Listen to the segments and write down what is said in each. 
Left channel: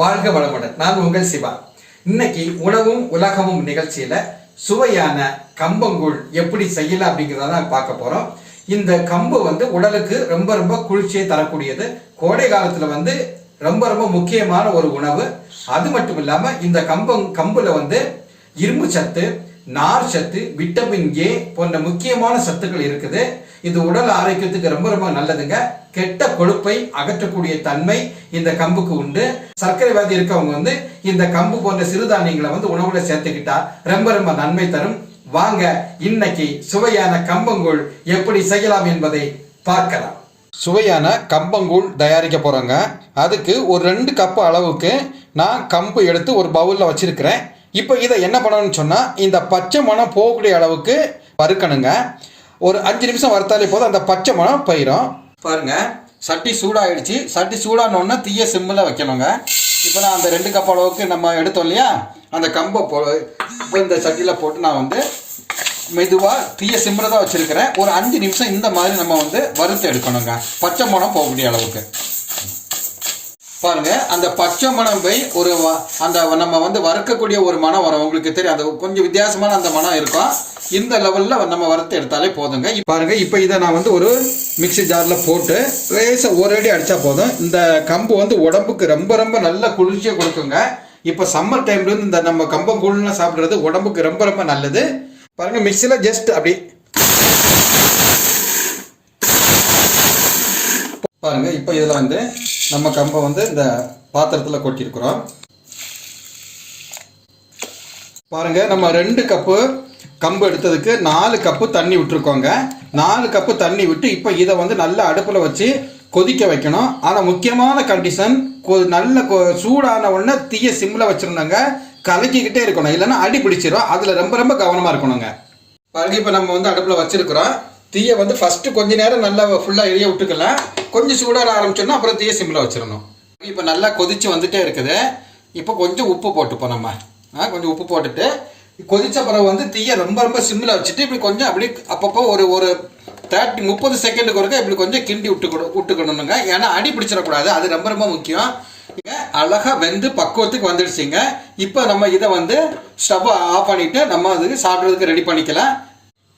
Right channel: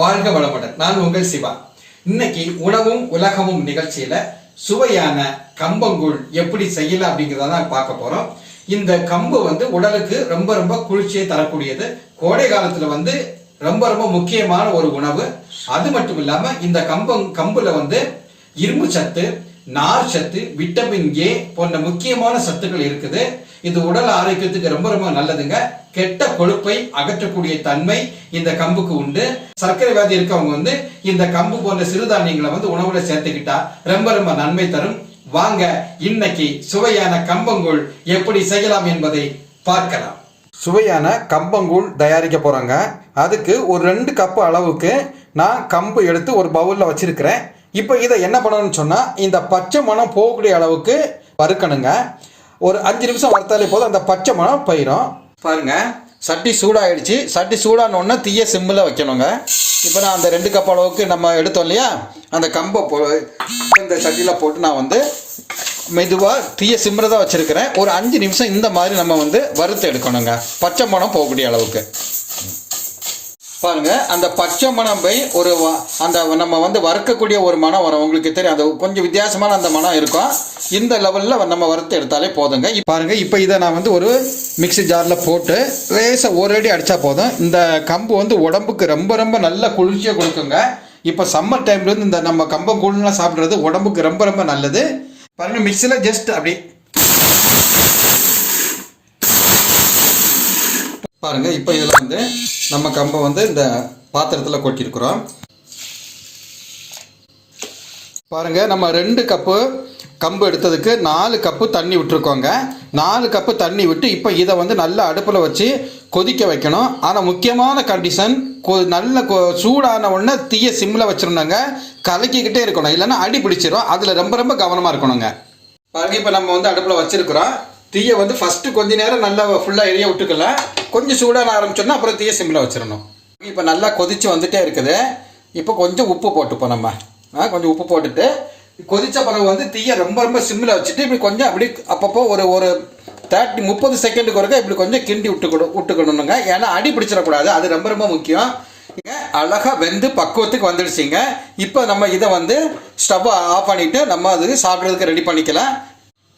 வாழ்க வளமுடன். நான் உங்கள் சிவா. இன்னைக்கு உணவும் உலகமும் நிகழ்ச்சியில சுவையான கம்பங்கூழ் எப்படி செய்யலாம் அப்படிங்கிறத பார்க்க போறோம். இந்த கம்பு உடலுக்கு ரொம்ப ரொம்ப குளிர்ச்சியை தரக்கூடியது. கோடை காலத்துல ரொம்ப ரொம்ப முக்கியமான ஒரு உணவு. அது மட்டும் இல்லாம இந்த கம்புல இரும்பு சத்து, நார் சத்து, விட்டமின் ஏ போன்ற முக்கியமான சத்துக்கள் இருக்குது. இது உடல் ஆரோக்கியத்துக்கு ரொம்ப ரொம்ப நல்லதுங்க. கெட்ட கொழுப்பை அகற்றக்கூடிய தன்மை இந்த கம்புக்கு உண்டு. சர்க்கரை வியாதி இருக்கவங்க இந்த கம்பு போன்ற சிறுதானியங்களை உணவுல சேர்த்துக்கிட்டா ரொம்ப ரொம்ப நன்மை தரும். வாங்க இன்னைக்கு சுவையான கம்பங்கூழ் எப்படி செய்யலாம் என்பதை பார்க்கலாம். சுவையான கம்பங்கூழ் தயாரிக்க போறோங்க. அதுக்கு ஒரு 2 கப் அளவுக்கு நான் கம்பு எடுத்து ஒரு பவுல்ல வச்சிருக்கிறேன். இப்போ இதை என்ன பண்ணணும்னு சொன்னா, இந்த பச்சை மணம் போகக்கூடிய அளவுக்கு வறுக்கணுங்க. ஒரு 5 நிமிஷம் வறுத்தாலே போதும், அந்த பச்சை மணம் போயிடும். பாருங்க, சட்டி சூடாயிடுச்சு. சட்டி சூடானோன்னா தீய சிம்மில் வைக்கணுங்க. இப்போ நான் அந்த 2 கப் அளவுக்கு நம்ம எடுத்தோம் இல்லையா, அந்த கம்பை இந்த சட்டியில் போட்டு நான் மெதுவாக தீய சிம்மில் தான் வச்சிருக்கிறேன். ஒரு 5 நிமிஷம் இந்த மாதிரி நம்ம வறுத்து எடுக்கணுங்க, பச்சை மணம் போகக்கூடிய அளவுக்கு. பாருங்க, அந்த பச்சை மணம் போய் அந்த நம்ம வறுக்கக்கூடிய ஒரு மனம் வரும். உங்களுக்கு தெரியும், அது கொஞ்சம் வித்தியாசமான அந்த மனம் இருக்கும். இந்த லெவல்ல நம்ம வறுத்து எடுத்தாலே போதுங்க. பாருங்க, இப்போ இதை நான் ஒரு மிக்சி ஜார்ல போட்டு லேசாக ஒரு அடி அடிச்சா போதும். இந்த கம்பு உடம்புக்கு ரொம்ப ரொம்ப நல்ல குளிர்ச்சியை கொடுக்குங்க. இப்போ சம்மர் டைம்ல இந்த நம்ம கம்பங்கூழ்லாம் சாப்பிட்றது உடம்புக்கு ரொம்ப ரொம்ப நல்லது. பாருங்க, மிக்சியில ஜஸ்ட் அப்படி பாருங்க. இப்போ இதில் நம்ம கம்பை இந்த பாத்திரத்தில் கொட்டியிருக்கிறோம். பாருங்க, நம்ம 2 கப்பு கம்பு எடுத்ததுக்கு 4 கப்பு தண்ணி விட்டுருக்கோங்க. 4 கப்பு தண்ணி விட்டு இப்போ இதை நல்லா அடுப்பில் வச்சு கொதிக்க வைக்கணும். ஆனால் முக்கியமான கண்டிஷன், நல்ல சூடான உடனே தீய சிம்மில் வச்சிருந்தாங்க, கலக்கிக்கிட்டே இருக்கணும், இல்லைன்னா அடி பிடிச்சிரும். அதில் ரொம்ப ரொம்ப கவனமாக இருக்கணுங்க. பாருங்க, இப்போ நம்ம அடுப்பில் வச்சிருக்கிறோம். தீயை ஃபர்ஸ்ட் கொஞ்ச நேரம் நல்லா ஃபுல்லாக எரிய விட்டுக்கலாம். கொஞ்சம் சூடான ஆரம்பிச்சோன்னா அப்புறம் தீய சிம்மில் வச்சிடணும். இப்போ நல்லா கொதிச்சு வந்துட்டே இருக்குது. இப்போ கொஞ்சம் உப்பு போட்டுப்போம். நம்ம கொஞ்சம் உப்பு போட்டுட்டு கொதிச்ச பிறகு தீயை ரொம்ப ரொம்ப சிம்மில் வச்சுட்டு இப்படி கொஞ்சம் அப்படி அப்பப்போ ஒரு 30 செகண்டுக்கு ஒருக்க இப்படி கொஞ்சம் கிண்டி விட்டுக்கணுங்க. ஏன்னா அடி பிடிச்சிடக்கூடாது, அது ரொம்ப ரொம்ப முக்கியம். அழகா வெந்து பக்குவத்துக்கு வந்துடுச்சிங்க. இப்போ நம்ம இதை ஸ்டவ்வை ஆஃப் பண்ணிட்டு நம்ம அது சாப்பிட்றதுக்கு ரெடி பண்ணிக்கலாம்.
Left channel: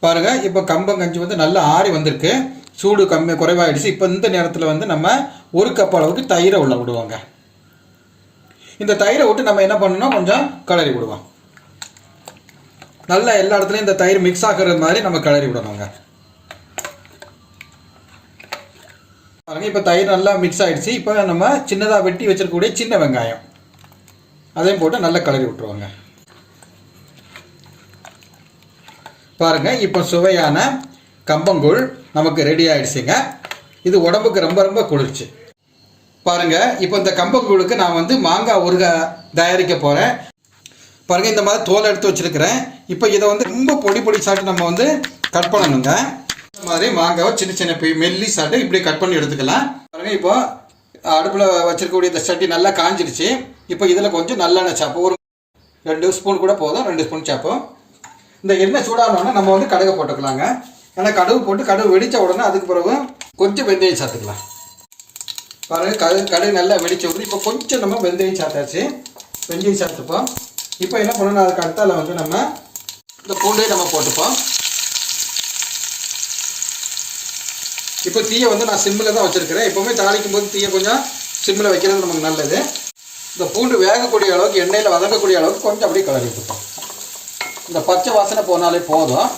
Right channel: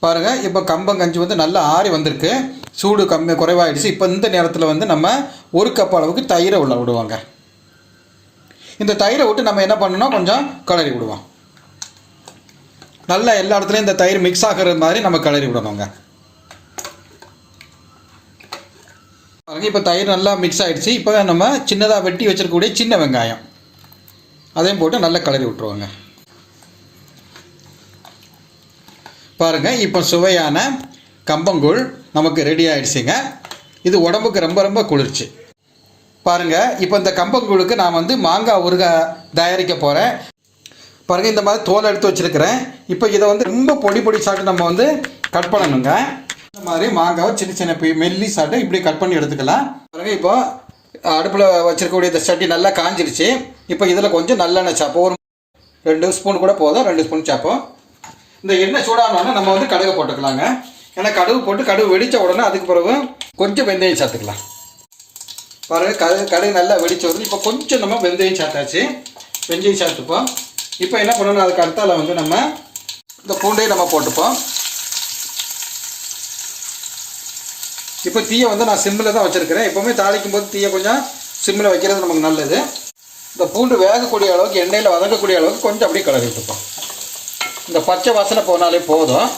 பாருங்க, இப்போ கம்பங்கஞ்சி நல்லா ஆறி வந்திருக்கு, சூடு குறைவாயிடுச்சு. இப்போ இந்த நேரத்தில் நம்ம 1 கப் அளவுக்கு தயிரை உள்ள விடுவாங்க. இந்த தயிரை விட்டு நம்ம என்ன பண்ணணும், கொஞ்சம் கிளறி விடுவோம். நல்லா எல்லா இடத்துலையும் இந்த தயிர் மிக்ஸ் ஆகிற மாதிரி நம்ம கிளறி விடணுங்க. பாருங்க, இப்போ தயிர் நல்லா மிக்ஸ் ஆயிடுச்சு. இப்போ நம்ம சின்னதாக வெட்டி வச்சிருக்கக்கூடிய சின்ன வெங்காயம் அதையும் போட்டு நல்லா கிளறி விட்டுருவாங்க. பாருங்க, இப்போ சுவையான கம்பங்கூழ் நமக்கு ரெடி ஆயிடுச்சுங்க. இது உடம்புக்கு ரொம்ப ரொம்ப குளிர்ச்சி. பாருங்க, இப்போ இந்த கம்பங்கூழுக்கு நான் மாங்காய் ஊறுகாய் தயாரிக்க போறேன். பாருங்க, இந்த மாதிரி தோலை எடுத்து வச்சிருக்கிறேன். இப்போ இதை ரொம்ப பொடி சாப்பிட்டு நம்ம கட் பண்ணணுங்க. இந்த மாதிரி மாங்காவை சின்ன சின்ன மெல்லி சாப்பிட்டு இப்படி கட் பண்ணி எடுத்துக்கலாம். பாருங்க, இப்போ அடுப்பில் வச்சிருக்கக்கூடிய இந்த சட்டி நல்லா காஞ்சிருச்சு. இப்போ இதில் கொஞ்சம் நல்லெண்ணெய் சாப்போம், ஒரு 2 ஸ்பூன் கூட போதும், 2 ஸ்பூன் சாப்போம். இந்த எண்ணெய் சூடானோன்னா நம்ம கடுகு போட்டுக்கலாங்க. ஏன்னா கடுகு வெடித்த உடனே அதுக்கு பிறகு கொஞ்சம் வெந்தயம் சேர்த்துக்கலாம். பாருங்கள், கடுகு நல்லா வெடிச்ச உடனே இப்போ கொஞ்சம் நம்ம வெந்தயம் சேர்த்தாச்சு. வெந்தயம் சேர்த்துப்போம். இப்போ என்ன பண்ணணும், அதுக்கு அடுத்தால நம்ம இந்த பூண்டையை நம்ம போட்டுப்போம். இப்போ தீயை நான் சிம்மில் தான் வச்சுருக்கிறேன். எப்போவுமே தாளிக்கும் போது தீயை கொஞ்சம் சிம்மில் வைக்கிறது நமக்கு நல்லது. இந்த பூண்டு வேகக்கூடிய அளவுக்கு, எண்ணெயில் வதங்கக்கூடிய அளவுக்கு கொஞ்சம் அப்படியே கிளறி விட்டுப்போம். இந்த பச்சை வாசனை போனாலே போதும்.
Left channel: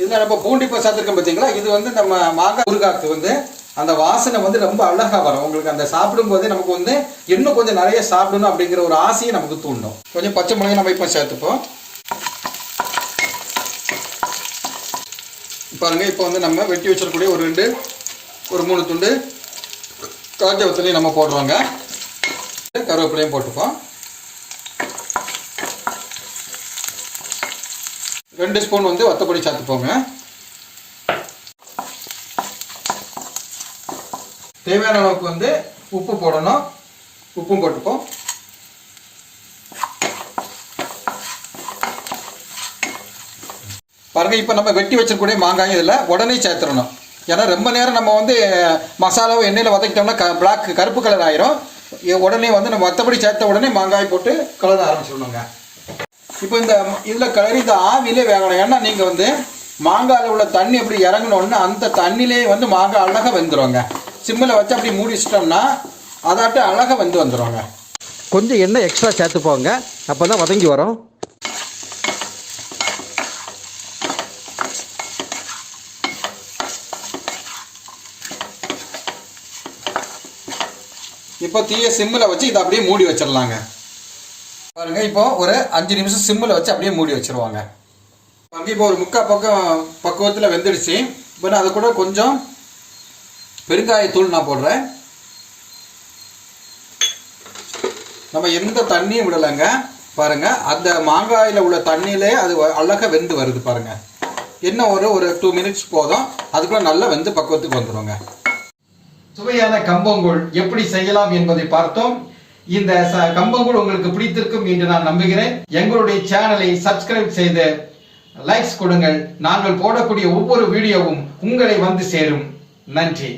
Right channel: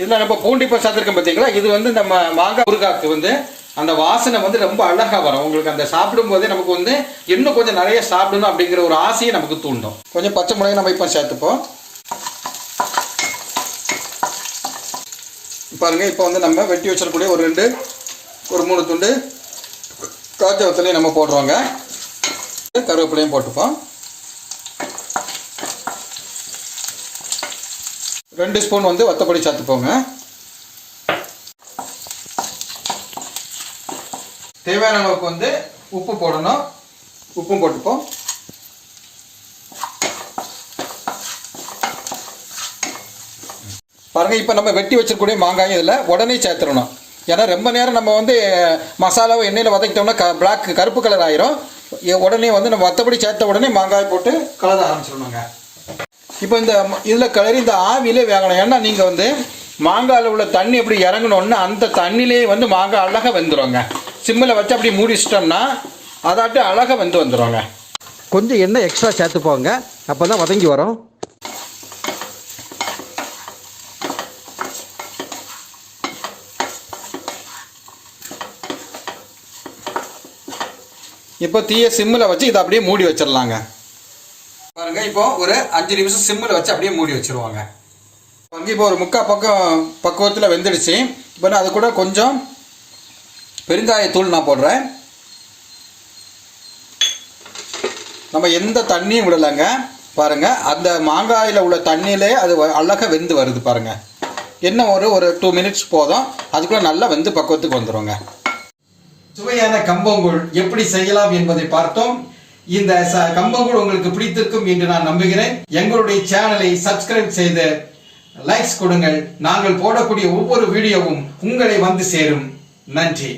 இதில் நம்ம பூண்டி இப்போ சேர்த்துருக்கோம் பார்த்தீங்களா, இது நம்ம மாங்காய் ஊறுகாய்க்கு அந்த வாசனை ரொம்ப அழகாக வரும். உங்களுக்கு அந்த சாப்பிடும் போதே நமக்கு இன்னும் கொஞ்சம் நிறைய சாப்பிடணும் அப்படிங்கிற ஒரு ஆசையை நமக்கு தூண்டும். கொஞ்சம் பச்சை மிளகாய் நம்ம இப்போ சேர்த்துப்போம். பாருங்க, இப்போ நம்ம வெட்டி வச்சிருக்கக்கூடிய ஒரு 3 துண்டு காஞ்ச வத்தலையும் நம்ம போடுவாங்க. கருவேப்பிலையும் போட்டுப்போம். 2 ஸ்பூன் வத்தப்பொடி சேர்த்துப்போங்க. தேவையான அளவுக்கு உப்பு போடணும், உப்பும் போட்டுப்போம். பாருங்க, இப்போ நம்ம வெட்டி வச்சிருக்கக்கூடிய மாங்காய் இதில் உடனே சேர்த்துடணும். ஏன்னா ரொம்ப நேரம் நம்ம மசாலாவை எண்ணெயில் வதக்கிட்டோம்னா கருப்பு கலர் ஆயிரும். உடனே வந்து நம்ம மற்றபடி சேர்த்த உடனே மாங்காய் போட்டு கலர ஆரம்பிச்சிடணுங்க. இப்போ இந்த இதில் கிளறி இந்த ஆவிலே வேகணும். ஏன்னா நீங்கள் வந்து மாங்காயில் உள்ள தண்ணி எப்படி இறங்கணும்னா அந்த தண்ணியிலே வந்து மாங்காய் அழகாக வெந்துடுங்க. சிம்மில் வச்சு அப்படி மூடி வச்சிட்டோம்னா அதாட்டு அழகாக வெந்து வந்துடுவாங்க. கொஞ்சம் எண்ணெய் எக்ஸ்ட்ரா சேர்த்துப்போங்க, அப்போ தான் வதங்கி வரும். இப்போ தீயை சிம்மில் வச்சு இதை அப்படியே மூடி வச்சிடலாங்க. பாருங்க, இப்போ ஒரு 5 நிமிஷம் சிம்மில் வச்சு அப்படியே மூடி வச்சிருவாங்க. இப்போ ஒரு முக்கால் பக்குவத்தில் வெந்துடுச்சு. இப்போ நான் அது கூட கொஞ்சம் பெருங்காயத்தூள் நான் போடுறேன். நம்ம எந்த தண்ணியும் விடலைங்க. பாருங்க, அந்த மாங்காயில் உள்ள தண்ணியிலே அது அழகாக வெந்து வருது பாருங்க. என்ன ஒரு 2 மினிட்ஸ் போதும், அதுக்குள்ள நல்லா வெந்து பக்குவத்துக்கு வந்துடுங்க. சுவையான கம்பங்கூழ் எப்படி செய்யலாம் என்பதை பார்த்தோம். இந்த கம்பங்கூழ் உங்களுக்கு பிடித்திருக்கும் என்று நான் நம்புகிறேன். எங்களுடைய சேனலை சப்ஸ்கிரைப் செய்து லைக்ஸ் கொடுங்கள். நாங்கள் போடக்கூடிய ஒவ்வொரு வீடியோவும் உங்களை வந்து சேரும். நன்றி.